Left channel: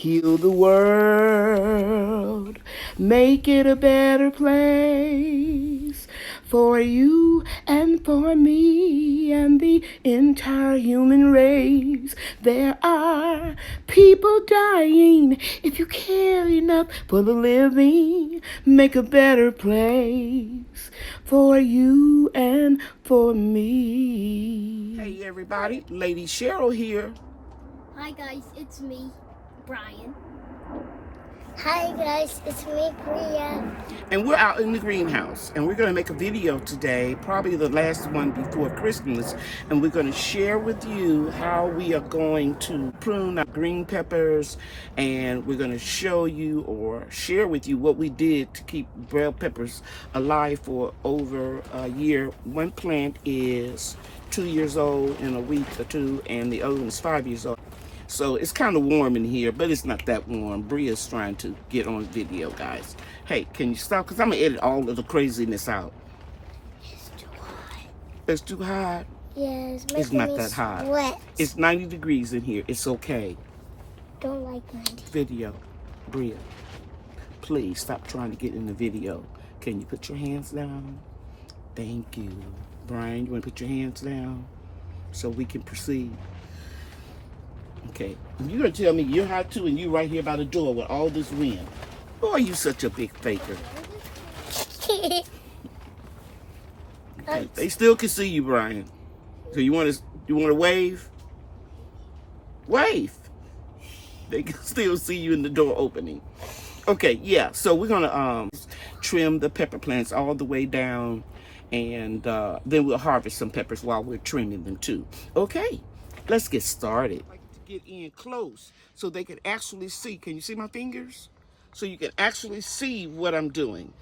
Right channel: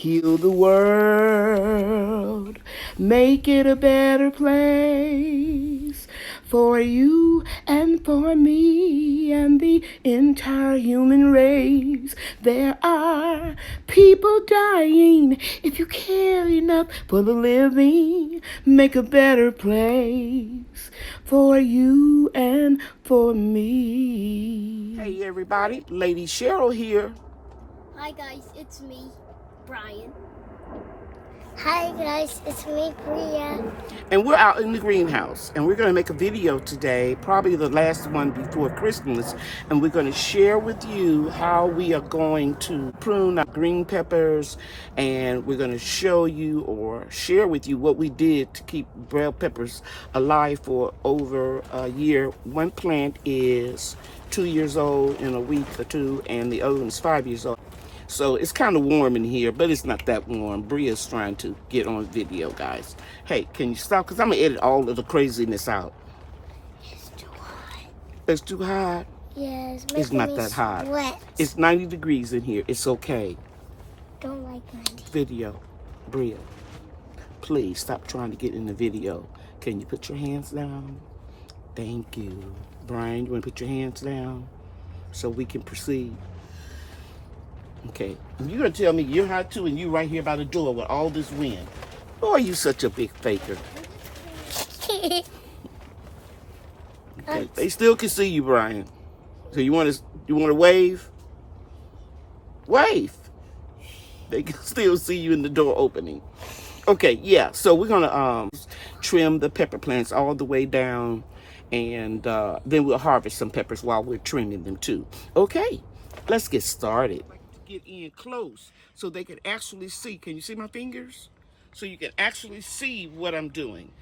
Heal the world, make it a better place for you and for me and the entire human race. There are people dying. If you care enough for the living, make a better place for you and for me. Hey everybody, Lady Cheryl here. Hi guys, it's me, Brian. Hi guys, it's me, Bria. And we're out in the greenhouse, and we're going to make a video today, probably the last one before Christmas, and we're going to share with you how we are going to prune our green peppers, and we're going to show you or share with you what we did to keep bell peppers alive for over a year. One plant is 2 years old in a week or two, and the other one is 5 years old. So it's kind of warm in here, but it's not that warm. Bria's trying to get on video, guys. Hey, can you stop? Because I'm going to edit all of the craziness out. It's too hot. It's too hot? Yeah, it's not that hot. Sweat. It's 90 degrees in here. It's okay. Don't like 90. Video. Bria, please stop trying to get in the video. Can you put your hands down? Thank you. Brian, you want to put your hands down so we can proceed? Okay, you're going to tell me you're hot too and you right here by the door with all this wind. Boy, you such a big faker. Okay, they still can see you, Brian. So you want to wave? Wave. They can still see you in the door opening. Okay, yeah, so we're going to trim the pepper plants all the way down, and then we'll harvest some peppers while we're trimming them too. Okay, let's get started. Get in close so they can actually see. Can you see my fingers? So you can actually see what I'm doing.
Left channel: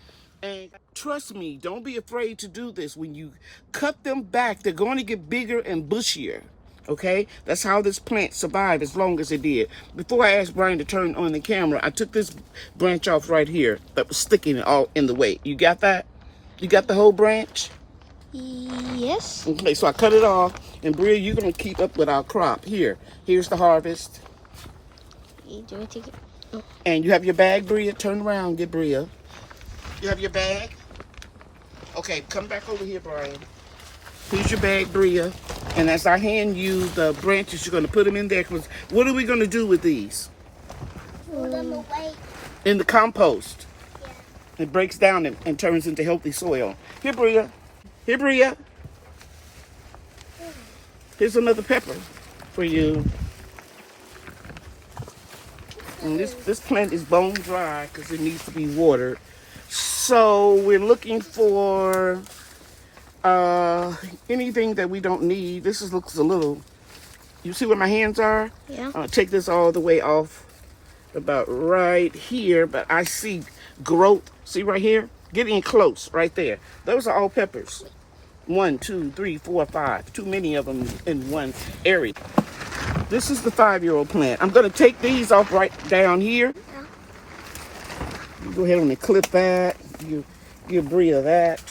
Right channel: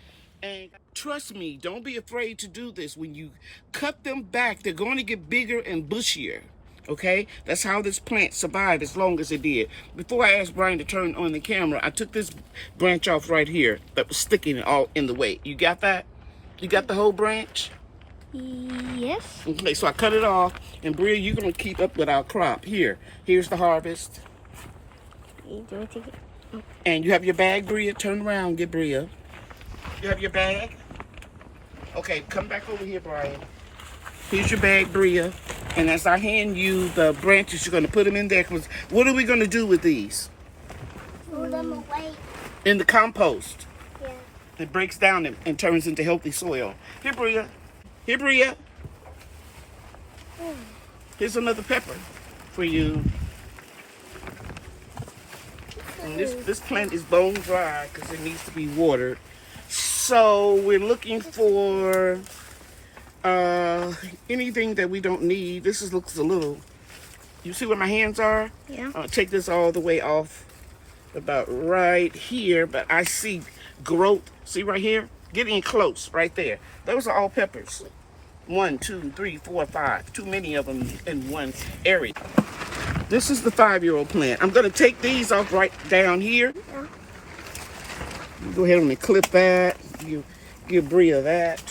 And trust me, don't be afraid to do this. When you cut them back, they're going to get bigger and bushier. Okay? That's how this plant survived as long as it did. Before I asked Brian to turn on the camera, I took this branch off right here that was sticking all in the way. You got that? You got the whole branch? Yes. Okay, so I cut it off, and Bria, you're gonna keep up with our crop. Here's the harvest. You want to take it? Oh. And you have your bag, Bria. Turn around, get Bria. You have your bag? Okay, come back over here, Brian. Here's your bag, Bria. And as I hand you the branches, you're gonna put them in there. Cause what are we gonna do with these? Throw them away. In the compost. Yeah. It breaks down and turns into healthy soil. Here, Bria. Here, Bria. Here's another pepper for you. And this plant is bone dry because it needs to be watered. So we're looking for anything that we don't need. This looks a little, you see where my hands are? Yeah. I'm gonna take this all the way off about right here, but I see growth. See right here? Get in close right there. Those are all peppers. 1, 2, 3, 4, 5. Too many of them in one area. This is the 5-year-old plant. I'm going to take these off right down here. Yeah. Go ahead and clip that. Give Bria that.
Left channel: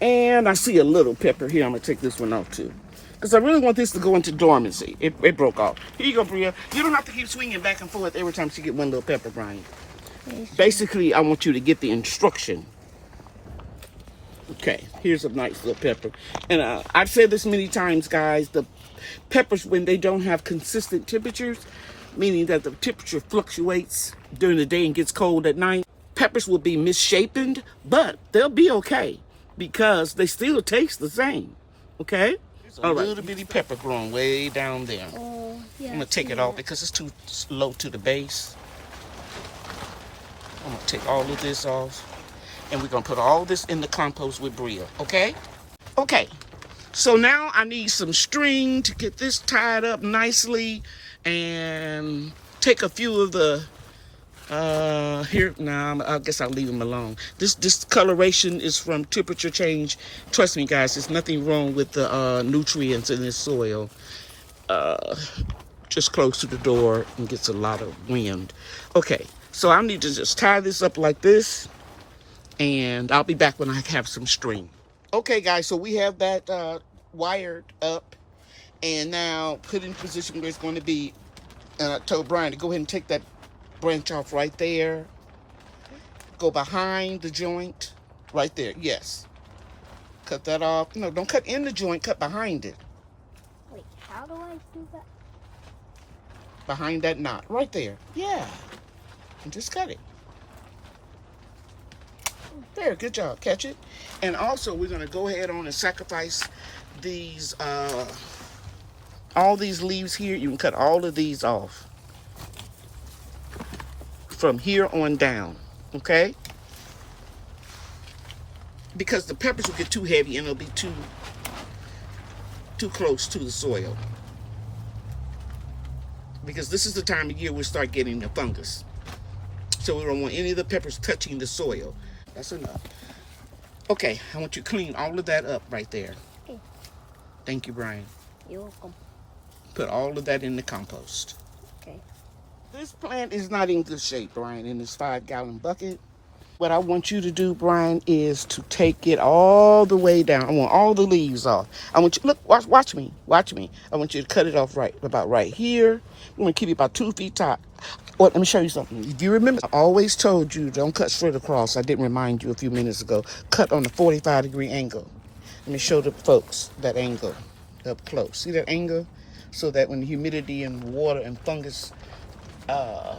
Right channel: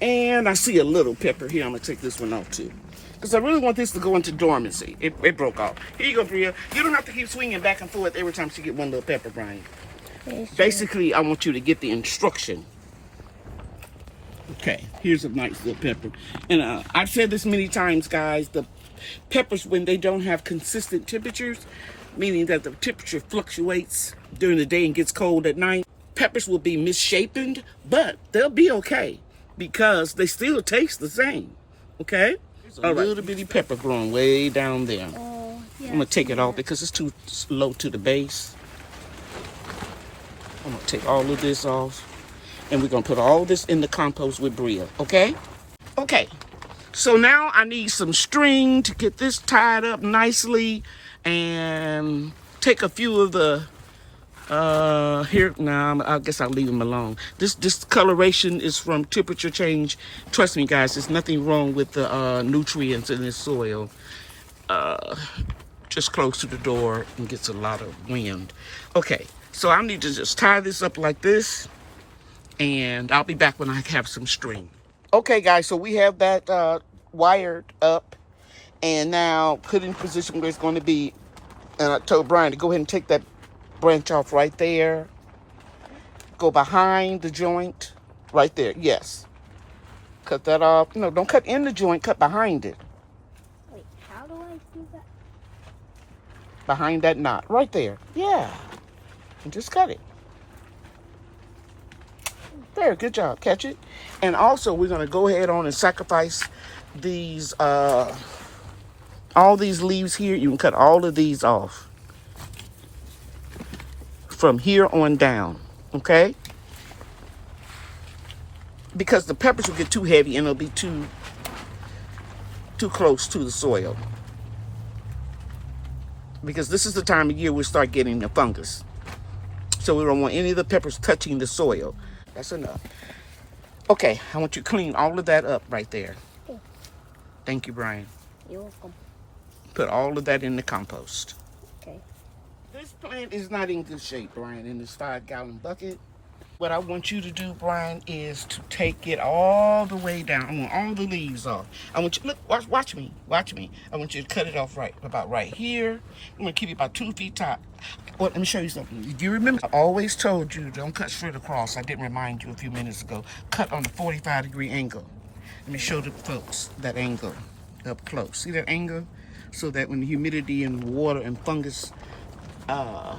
And I see a little pepper here. I'm going to take this one off too, because I really want this to go into dormancy. It broke off. Here you go, Bria. You don't have to keep swinging back and forth every time you get one little pepper, Brian. Basically, I want you to get the instruction. Okay, here's a nice little pepper. And I've said this many times, guys. The peppers, when they don't have consistent temperatures, meaning that the temperature fluctuates during the day and gets cold at night, peppers will be misshapen, but they'll be okay because they still taste the same. Okay? There's a little bitty pepper growing way down there. Oh, yeah. I'm going to take it off because it's too low to the base. I'm going to take all of this off. And we're going to put all this in the compost with Bria, okay? Okay, so now I need some string to get this tied up nicely and take a few of the, I guess I'll leave them alone. This discoloration is from temperature change. Trust me, guys, there's nothing wrong with the nutrients in this soil. Just close to the door and gets a lot of wind. Okay, so I need to just tie this up like this. And I'll be back when I have some string. Okay, guys, so we have that wired up. And now put in position where it's going to be. And I told Brian to go ahead and take that branch off right there. Go behind the joint. Right there. Yes. Cut that off. No, don't cut in the joint. Cut behind it. Wait, how do I do that? Behind that knot. Right there. Yeah. And just cut it. There. Good job. Catch it. And also, we're going to go ahead on and sacrifice these, all these leaves here. You can cut all of these off. From here on down. Okay? Because the peppers will get too heavy and it'll be too close to the soil. Because this is the time of year we'll start getting the fungus. So we don't want any of the peppers touching the soil. That's enough. Okay, I want you to clean all of that up right there. Okay. Thank you, Brian. You're welcome. Put all of that in the compost. Okay. This plant is not in good shape, Brian, in this 5-gallon bucket. What I want you to do, Brian, is to take it all the way down. I want all the leaves off. I want you, look, watch me. I want you to cut it off about right here. I'm gonna keep it about 2 feet top. Oh, let me show you something. If you remember, I always told you, don't cut straight across. I didn't remind you a few minutes ago. Cut on a 45-degree angle. Let me show the folks that angle up close. See that angle? So that when the humidity and water and fungus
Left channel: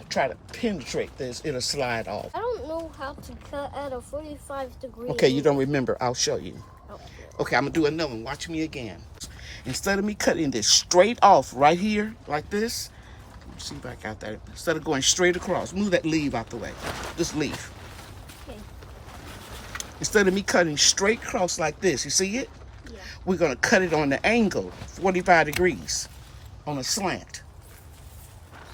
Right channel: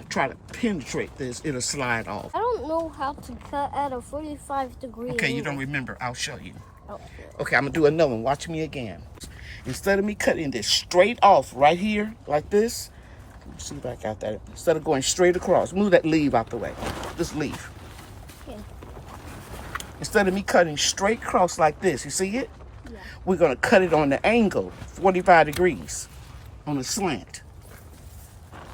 try to penetrate this, it'll slide off. I don't know how to cut at a 45-degree Okay, you angle. don't remember. I'll show you. Oh. Okay, I'm going to do another one. Watch me again. Instead of me cutting this straight off right here, like this, let me see if I got that. Instead of going straight across, move that leaf out the way. This leaf. Okay. Instead of me cutting straight across like this, you see it? Yeah. We're going to cut it on the angle, 45 degrees, on a slant.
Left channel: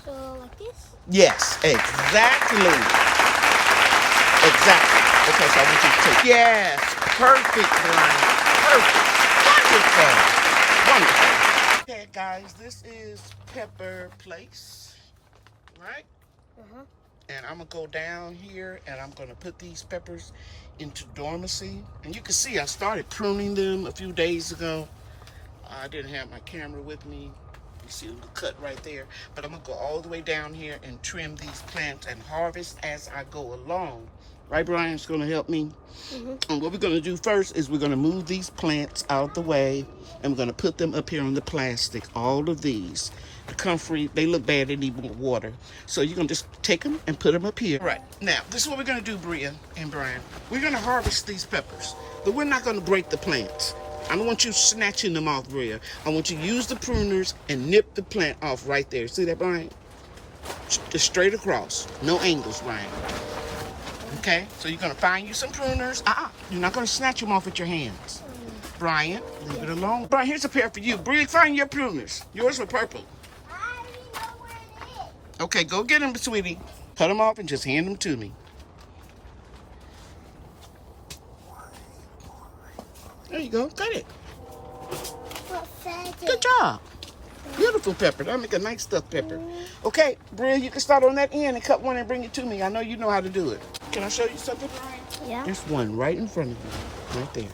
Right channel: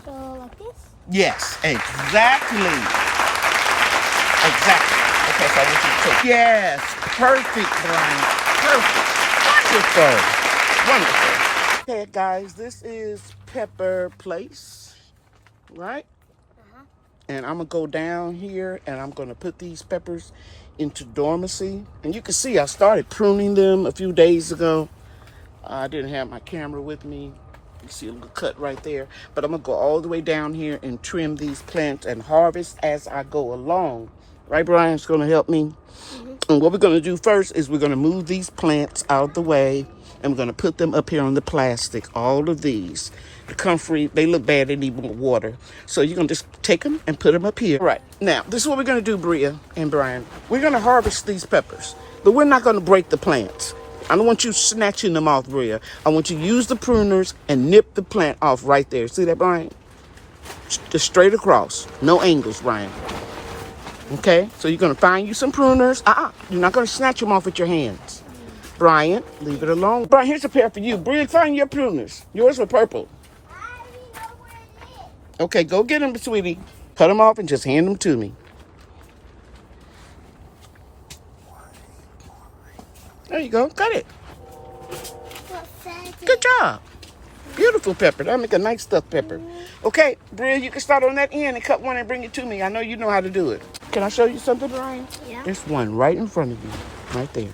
So like this? Yes, exactly. Exactly. Okay, so I want you to take. Yes, perfect, Brian. Perfect. Wonderful. Wonderful. Okay, guys, this is Pepper Place, right? And I'm going to go down here and I'm going to put these peppers into dormancy. And you can see I started pruning them a few days ago. I didn't have my camera with me. You see a little cut right there. But I'm going to go all the way down here and trim these plants and harvest as I go along. Right, Brian? It's going to help me. And what we're going to do first is we're going to move these plants out of the way. And we're going to put them up here on the plastic. All of these. The comfrey, they look bad. They need more water. So you're going to just take them and put them up here. All right. Now, this is what we're going to do, Bria and Brian. We're going to harvest these peppers. But we're not going to break the plants. I don't want you snatching them off, Bria. I want you to use the pruners and nip the plant off right there. See that, Brian? Just straight across. No angles, Brian. Okay? So you're going to find you some pruners. You're not going to snatch them off with your hands. Brian, leave it alone. Brian, here's a pair for you. Bria, find your pruners. Yours are purple. Okay, go get them, sweetie. Cut them off and just hand them to me. There you go. Cut it. Good job. Beautiful pepper. That'll make a nice stuffed pepper. Okay, Bria, you can start on that end and cut one and bring it to me. I know you know how to do it. Can I show you something, Brian? Yeah. There's one right in front of you. Right there.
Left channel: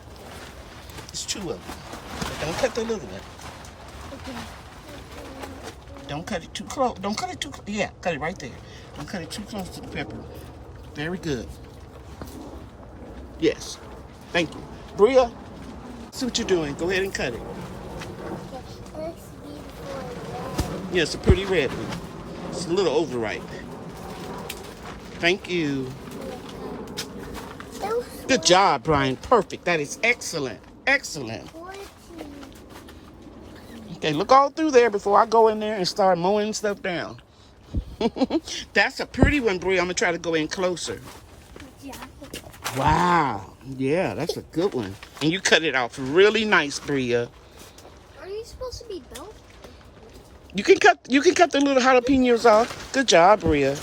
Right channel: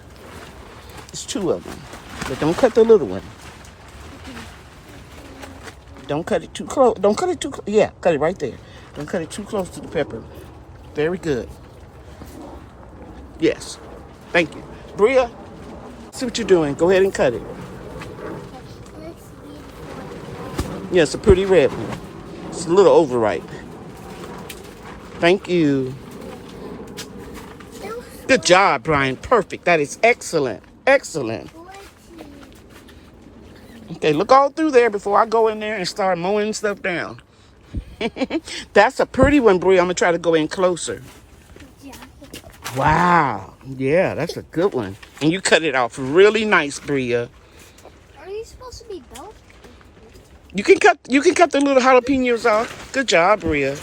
There's 2 of them. But don't cut the little one. Don't cut it too close. Don't cut it too close. Yeah, cut it right there. Don't cut it too close to the pepper. Very good. Yes. Thank you. Bria, see what you're doing. Go ahead and cut it. Yeah, it's a pretty red one. It's a little overripe. Thank you. Good job, Brian. Perfect. That is excellent. Excellent. Okay, look all through there before I go in there and start mowing stuff down. That's a pretty one, Bria. I'm going to try to go in closer. Yeah. Wow. Yeah, that's a good one. And you cut it off really nice, Bria. Are you supposed to be built? You can cut the little jalapenos off. Good job, Bria.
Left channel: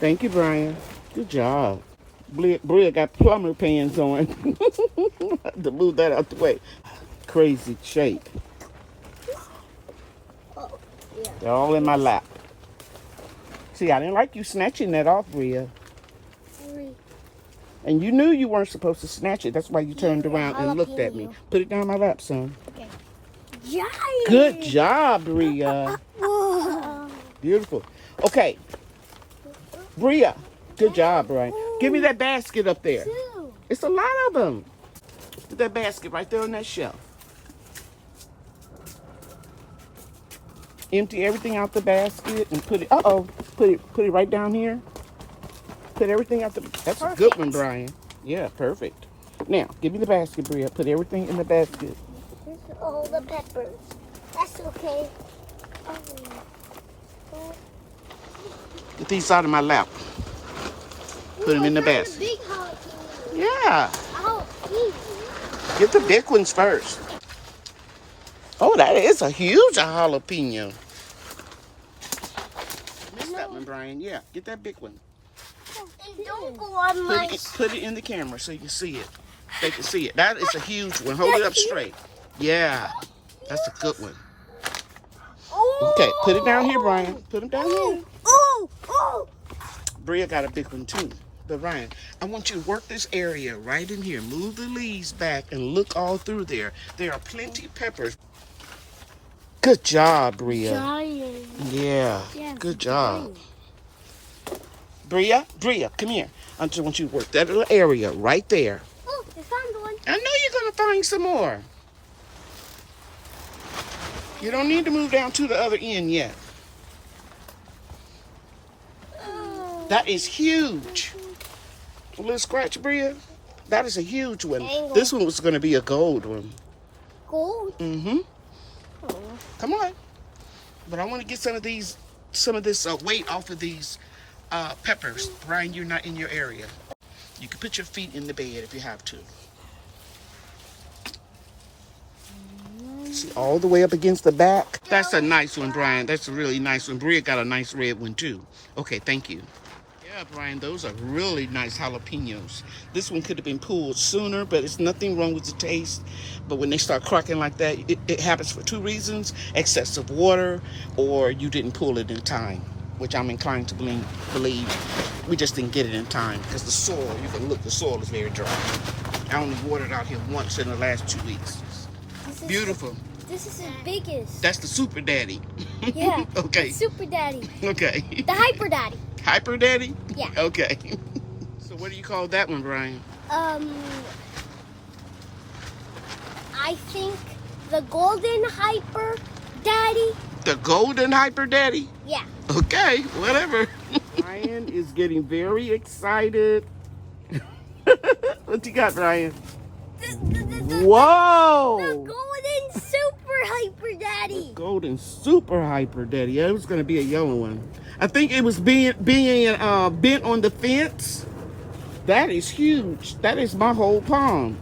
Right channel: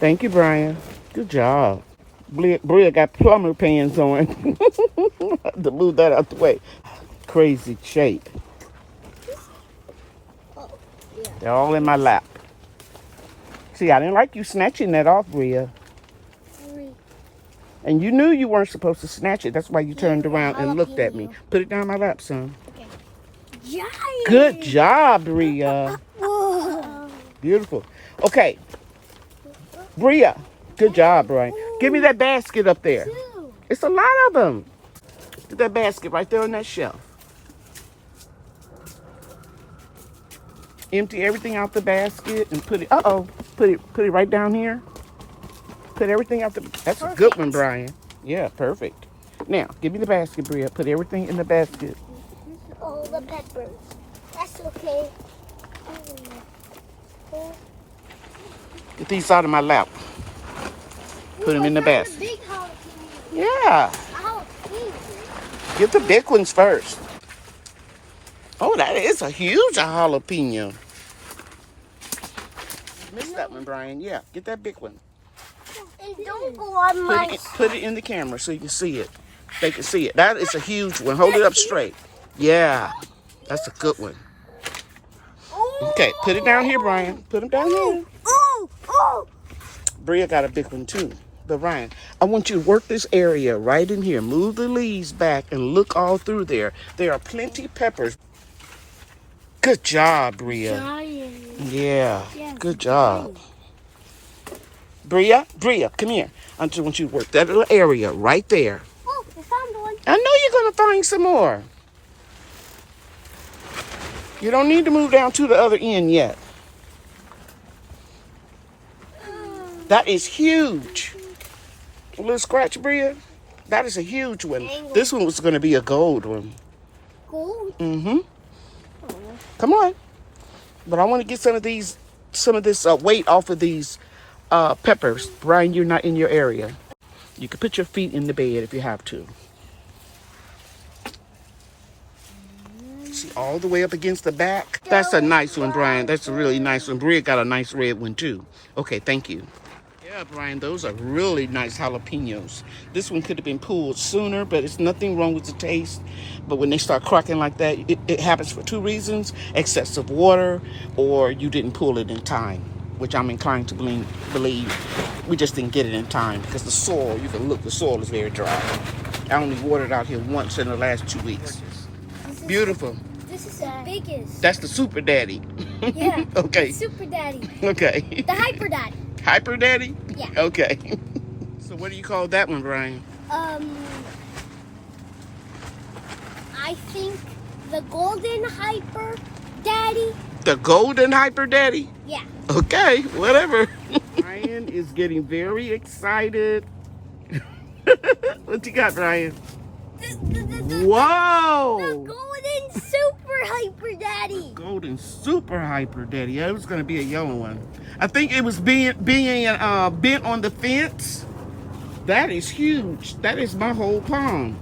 Thank you, Brian. Good job. Bria got plumber pants on. To move that out the way. Crazy shape. Oh, yeah. They're all in my lap. See, I didn't like you snatching that off, Bria. Sorry. And you knew you weren't supposed to snatch it. That's why you turned around and looked at me. Jalapeno. Put it down my lap, son. Okay. Giant. Good job, Bria. Whoa. Beautiful. Okay. Bria. Good job, Brian. Give me that basket up there. Two. It's a lot of them. Put that basket right there on that shelf. Empty everything out the basket and put it. Put it right down here. Put everything out the. That's a good one, Brian. Yeah, perfect. Now, give me the basket, Bria. Put everything in the basket. All the peppers. That's okay. Oh. Get these out of my lap. Put them in the basket. Big jalapeno. Yeah. Jalapeno. Get the big ones first. Oh, that is a huge jalapeno. Missed that one, Brian. Yeah, get that big one. And don't go on my. Put it in the camera so you can see it. They can see it. That is a huge one. Hold it up straight. Yeah, that's a good one. Okay, put it down here, Brian. Put them down here. Oh. Bria got a big one too. But Ryan, I want you to work this area right in here. Move the leaves back and look all through there. There are plenty of peppers. Good job, Bria. Giant. Yeah, Yeah, good job. Bria, come here. I just want you to work that little area right there. Oh, I found one. I know you're going to find some more. You don't need to move down to the other end yet. That is huge. A little scratch, Bria. That is a huge one. This one was going to be a gold one. Gold? Mm-hmm. Come on. But I want to get some of this weight off of these peppers. Brian, you're not in your area. You can put your feet in the bed if you have to. See, all the way up against the back. That's a nice one, Brian. That's a really nice one. Bria got a nice red one, too. Okay, thank you. Yeah, Brian, those are really nice jalapenos. This one could have been pulled sooner, but it's nothing wrong with the taste. But when they start cracking like that, it happens for two reasons: excessive water, or you didn't pull it in time, which I'm inclined to believe we just didn't get it in time because the soil, you can look, the soil is very dry. I only watered out here once in the last 2 weeks. Beautiful. This is the biggest. That's the super daddy. Yeah. Okay. Super daddy. Okay. The hyper daddy. Hyper daddy? Yeah. Okay. So what do you call that one, Brian? I think the golden hyper daddy. The golden hyper daddy? Yeah. Okay, whatever. Brian is getting very excited. What you got, Brian? Whoa! The golden super hyper daddy. Golden super hyper daddy. Yeah, it was going to be a yellow one. I think it was being bent on the fence. That is huge. That is my whole palm.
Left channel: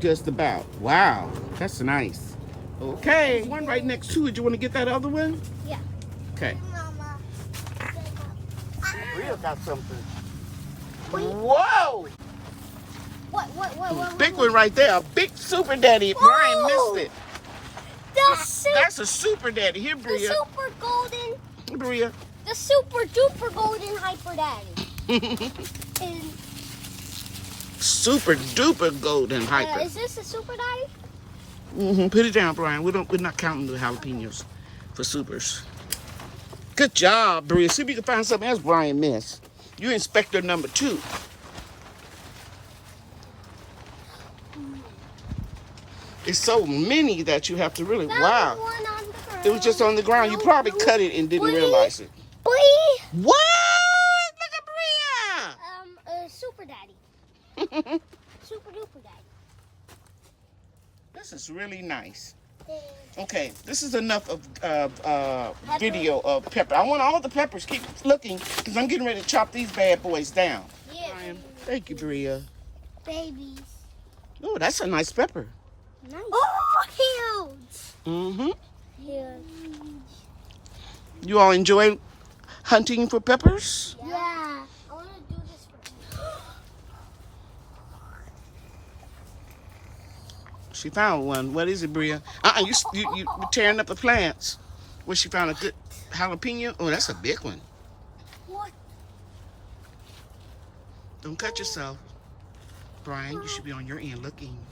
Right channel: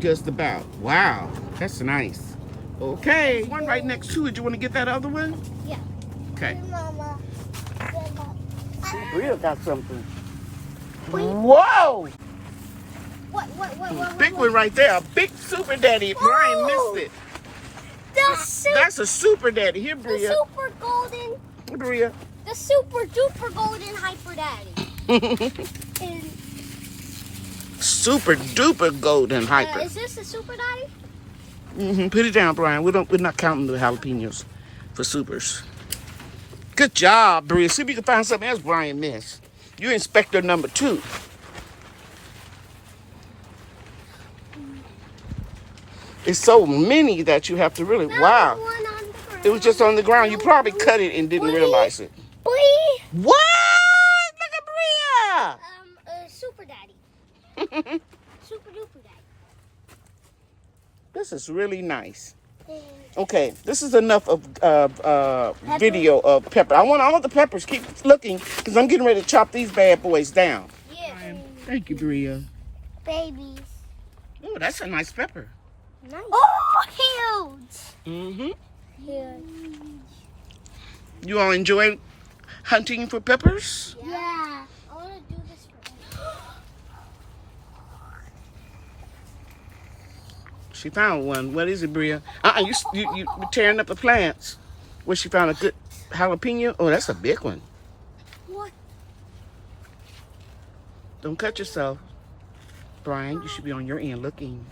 Just about. Wow. That's nice. Okay. One right next to it. You want to get that other one? Yeah. Okay. Mama. We got something. Whoa! What? Big one right there. A big super daddy. Brian missed it. That's a super daddy. Here, The Bria. super golden. Bria. The super duper golden hyper daddy. And, Super duper golden hyper. is this a super daddy? Put it down, Brian. We're not counting the jalapenos for supers. Good job, Bria. See if you can find something else Brian missed. You're inspector number 2. It's so many that you have to really, wow. It was just on the ground. You probably cut it and didn't realize it. Boy. What? Look at Super daddy. Bria. Super duper daddy. This is really nice. Okay, this is enough of video of pepper. I want all the peppers. Keep looking because I'm getting ready to chop these bad boys down. Yeah. Thank you, Bria. Babies. Oh, that's a nice pepper. Nice. Oh, huge. Mm-hmm. Huge. You all enjoy hunting for peppers? Yeah. I want to do this for She found one. What is it, Bria? You tearing up the plants. Where she found a good jalapeno? Oh, that's a big one. What? Don't cut yourself. Brian, you should be on your end looking.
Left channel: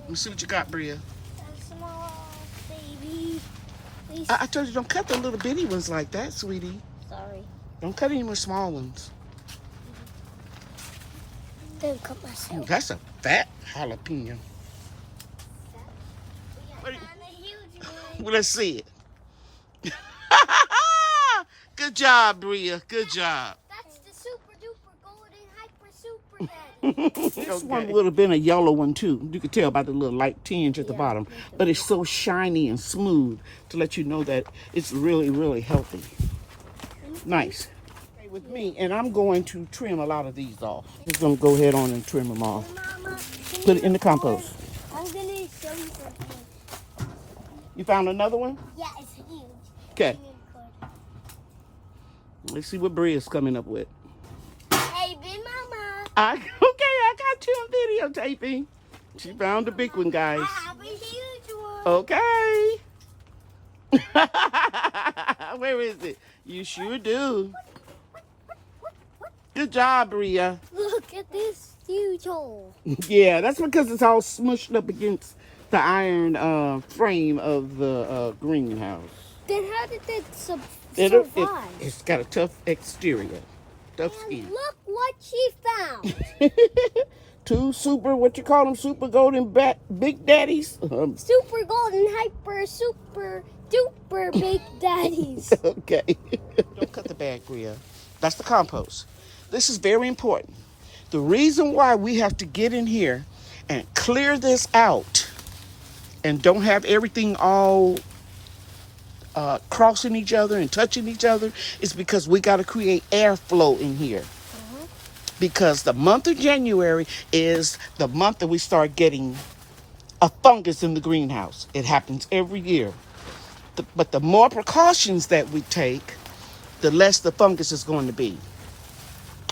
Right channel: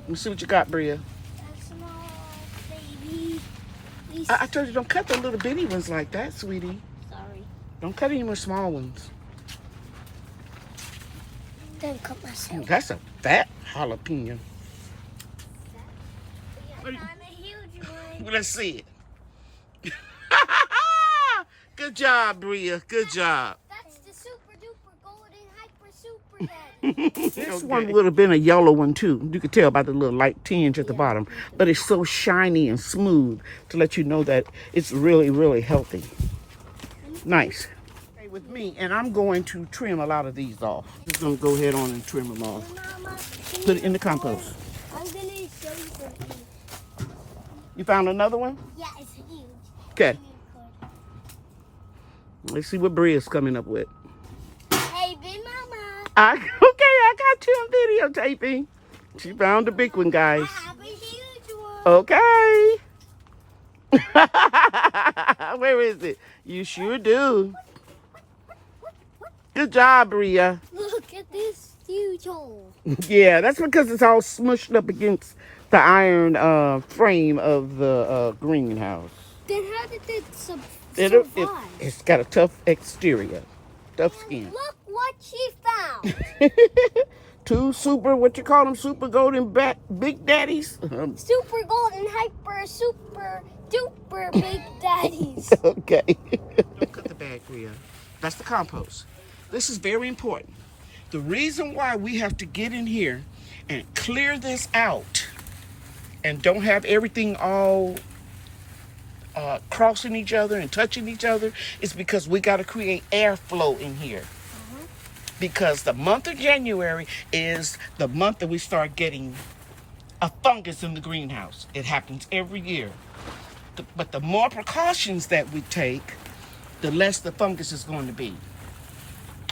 Let me see what you got, Bria. Small baby. I told you don't cut the little bitty ones like that, sweetie. Sorry. Don't cut any more small ones. Don't cut myself. Ooh, that's a fat jalapeno. I found a huge one. Well, let's see it. Good job, Bria. Good job. That's the super duper golden hyper super daddy. This one would have been a yellow one too. You could tell by the little light tinge at the bottom. But it's so shiny and smooth to let you know that it's really, really healthy. Nice. Stay with me, and I'm going to trim a lot of these off. Just going to go ahead on and trim them off. Put it in the compost. I'm gonna show you something. You found another one? Yeah, it's huge. Okay. Let's see what Bria's coming up with. Hey, big mama. I got you on videotaping. She found a big one, guys. I have a huge one. Okay. Where is it? You sure do. Good job, Bria. Look at this huge hole. Yeah, that's because it's all smushed up against the iron frame of the greenhouse. Then how did it survive? It's got a tough exterior, tough skin. Look what she found. Two super, what you call them, super golden big daddies? Super golden hyper super duper big daddies. Okay. Don't cut the bag, Bria. That's the compost. This is very important. The reason why we have to get in here and clear this out and don't have everything all crossing each other and touching each other is because we got to create airflow in here. Because the month of January is the month that we start getting a fungus in the greenhouse. It happens every year. But the more precautions that we take, the less the fungus is going to be.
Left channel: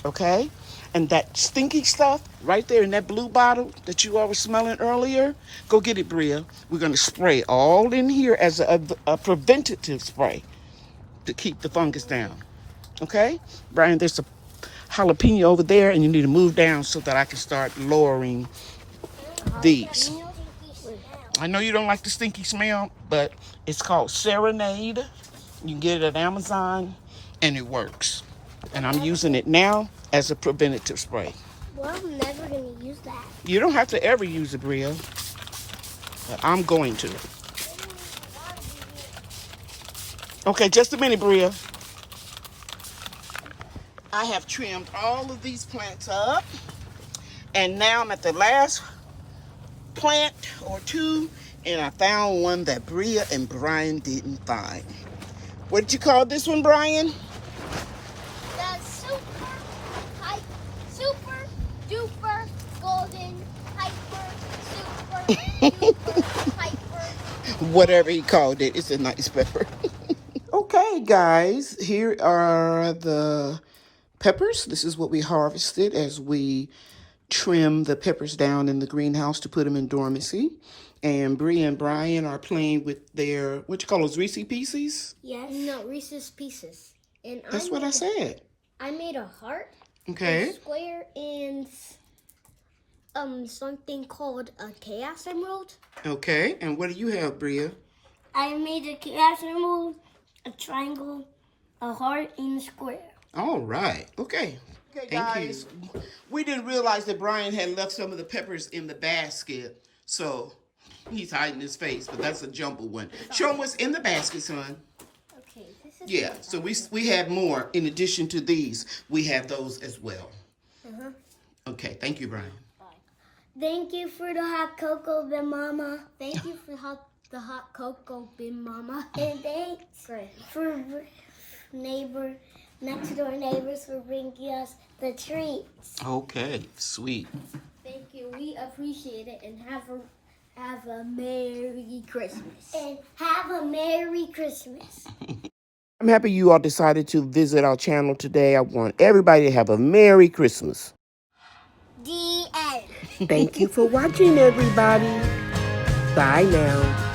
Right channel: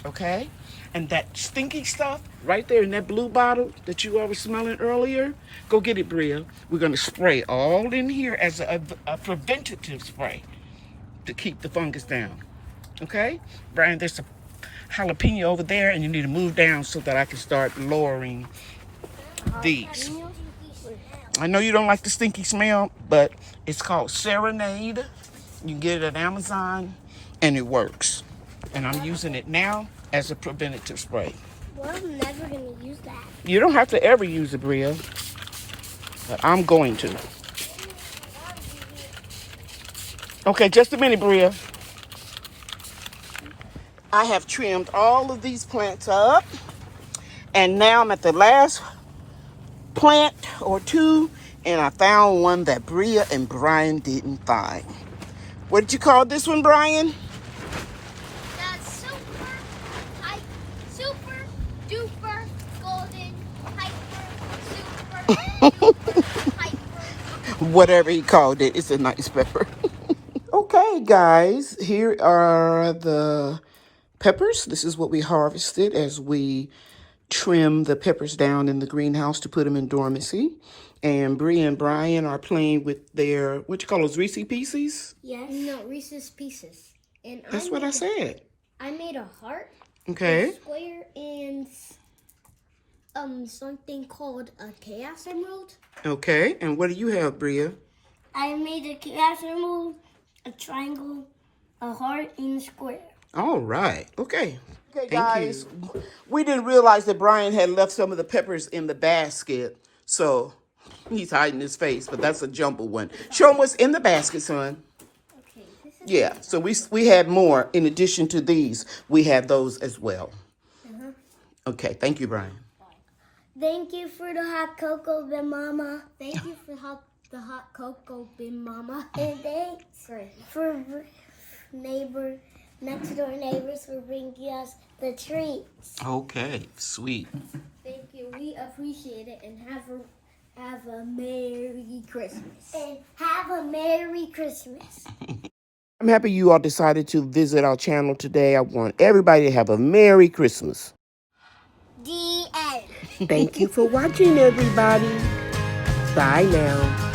Okay? And that stinky stuff right there in that blue bottle that you all were smelling earlier, go get it, Bria. We're going to spray all in here as a preventative spray to keep the fungus down. Okay? Brian, there's a jalapeno over there, and you need to move down so that I can start lowering these. I know you don't like the stinky smell, but it's called Serenade. You can get it at Amazon, and it works. And I'm using it now as a preventative spray. Well, I'm never going to use that. You don't have to ever use it, Bria, but I'm going to. Okay, just a minute, Bria. I have trimmed all of these plants up, and now I'm at the last plant or two, and I found one that Bria and Brian didn't find. What did you call this one, Brian? The super duper golden hyper super duper hyper. Whatever he called it, it's a nice pepper. Okay, guys, here are the peppers. This is what we harvested as we trim the peppers down in the greenhouse to put them in dormancy. And Bria and Brian are playing with their, what you call those, Reese's Pieces? Yes. No, Reese's Pieces. And That's what I said. I made a heart, Okay. a square, and something called a chaos emerald. Okay, and what do you have, Bria? I made a chaos emerald, a triangle, a heart, and a square. All right. Okay. Okay, Thank guys. We didn't realize that Brian had left some of the peppers in the basket, so he's hiding his face, but that's a jumbo one. Show him what's in the basket, son. Okay, this is Yeah, so we had more. In addition to these, we had those as well. Okay, thank you, Brian. Thank you for the hot cocoa, Big Mama. Thank you for the hot cocoa, Big Mama. And thanks for next door neighbors for bringing us the treats. Okay, sweet. Thank you. We appreciate it, and have a Merry Christmas. And have a Merry Christmas. I'm happy you all decided to visit our channel today. I want everybody to have a Merry Christmas. The end. Thank you for watching, everybody. Bye now.